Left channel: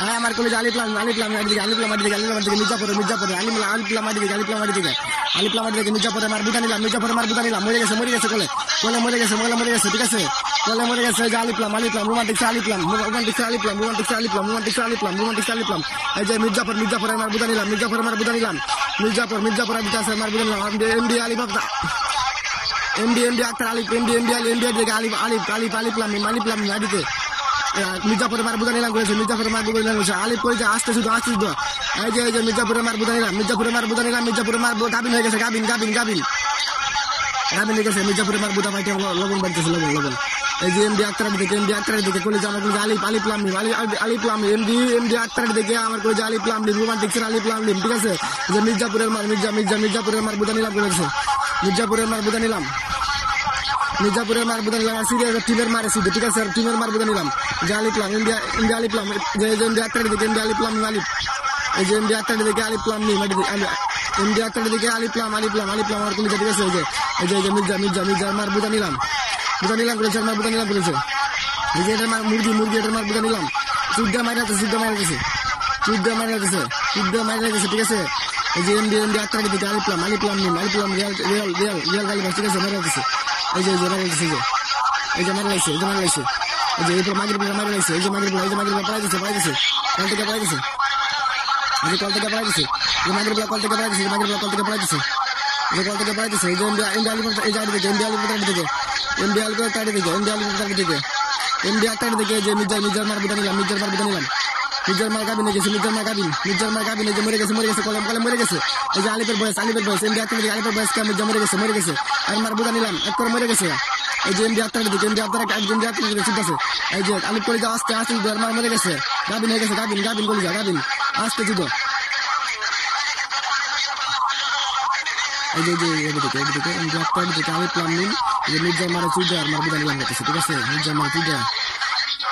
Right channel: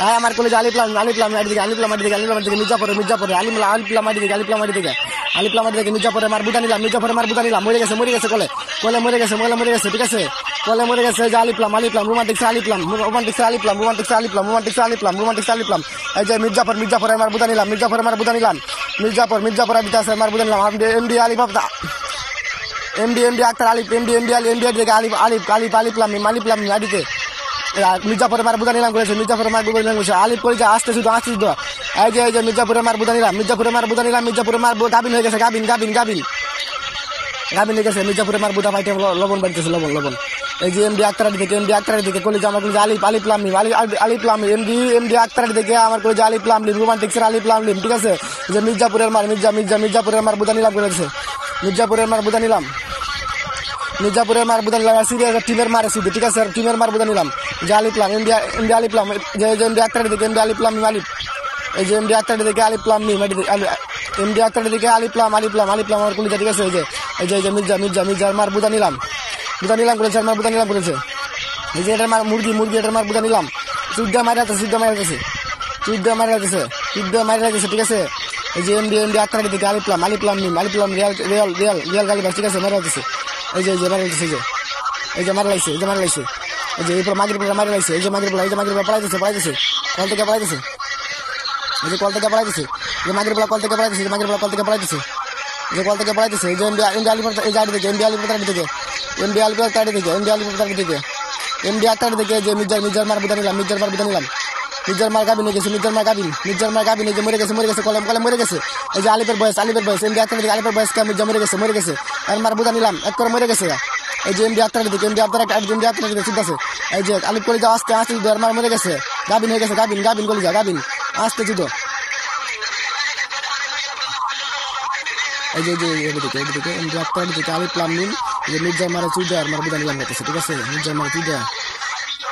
হ্যাঁ আমার কলেজ আলিপ্লাম মাটি থেকে মির্জাপুরে আলিপ্লাম মাটি থেকে মির্জাপুরে মার বুটা নিলাম মরে গেছে মরে গেছে ঠিক আছে কলে মরে গেছে যে আলিপ্লাম রোমান্টিক আলিপ্লাম এই যে মির্জাপুরে মার বুটা নিলাম মির্জাপুর দিতে আছে মার বুটা নিলাম এমডি আলিফ এমডি আক্তার আলিফ এমডি থেকে আলিপ্লাম মাটিতে মির্জাপুরে মার বুদা নিলাম করেছে আলিফ করে আসতে শুধু এই যে মির্জাপুরে মার বুদা নিলাম মির্জাপুরে মার গাবিন হয়ে গেছে গাবিন হয়ে গেছে মির্জাপুরে মার বুদা পাইতে লবণ বাড়তেছে লবণ এই যে এমডি আক্তার দিকে কলেজ আমার কলেজ আলিপ্লাম এমডি আক্তার দিকে আমার কলেজ আলিপ্লাম রোমান্টিক্সের আলিপ্লাম ঠিক আছে যে মির্জাপুরের মার বুদা নিলাম করেছে মির্জাপুরের মার বুদা নিলাম সিরিয়াস টিমের মারে শুধু ঠিক আছে টিমের মার বুদা নিলাম যে আলিপ্লাম এমডি আলিপ্লাম যে এমডি আক্তার দিকে এমডি আলিপ্লাম এই যে এমডি আক্তার দিকে আলিপ্লাম এমডি আক্তার দিকে আলিপ্লাম আমার কলেজ ঠিক আছে এই যে মির্জার মার বুদা নিলাম করেছে মার বুদা নিলাম করেছে এই যে এটার মার মুরগি এটার মার বুদা নিলাম চুদ্দা মারা যাচ্ছে ঠিক আছে এই যে এমডি আক্তার দিকে আলিপ্লাম রিয়াল গালি ঠিক আছে মারা যাচ্ছে এই যে মারা লাগছে এই যে মারা লাগছে এই যে এরপর মাগরিব মারা লাগছে এই যে মাগরিব পড়াইতেছে কল থেকে পড়াইতেছে এই যে কল থেকে পড়াইতেছে যে মাগরিব কল থেকে পড়াইতেছে এই যে এমডি আলিপুর এই গাড়ি থেকে এমডি আলিপুর যে মির্জার মার বুদা নিলাম মির্জার মার গাবিন গেছে মির্জার মার গাবিন যে মরে গেছে কলে মরে গেছে এই যে আলিপের বয়স এমডি আক্তার দিকে আলিপের বয়স মির্জা মরে গেছে আর মার বুদা নিলাম এক করে মরে গেছে এই যে এমডি আক্তার দিকে চিন্তাছে এই যে আলিপ করে আসতে মার মরে গেছে গাবিন হয়ে গেছে গাবিন কলিজা গাবিন আসতে চিত এই যে এদিকে এমডি আক্তার দিকে আলিপ্লাম নিন যে মির্জার মারে চুইদার মার বুদা নিলাম ঠিক আছে মির্জার মারে চুইদার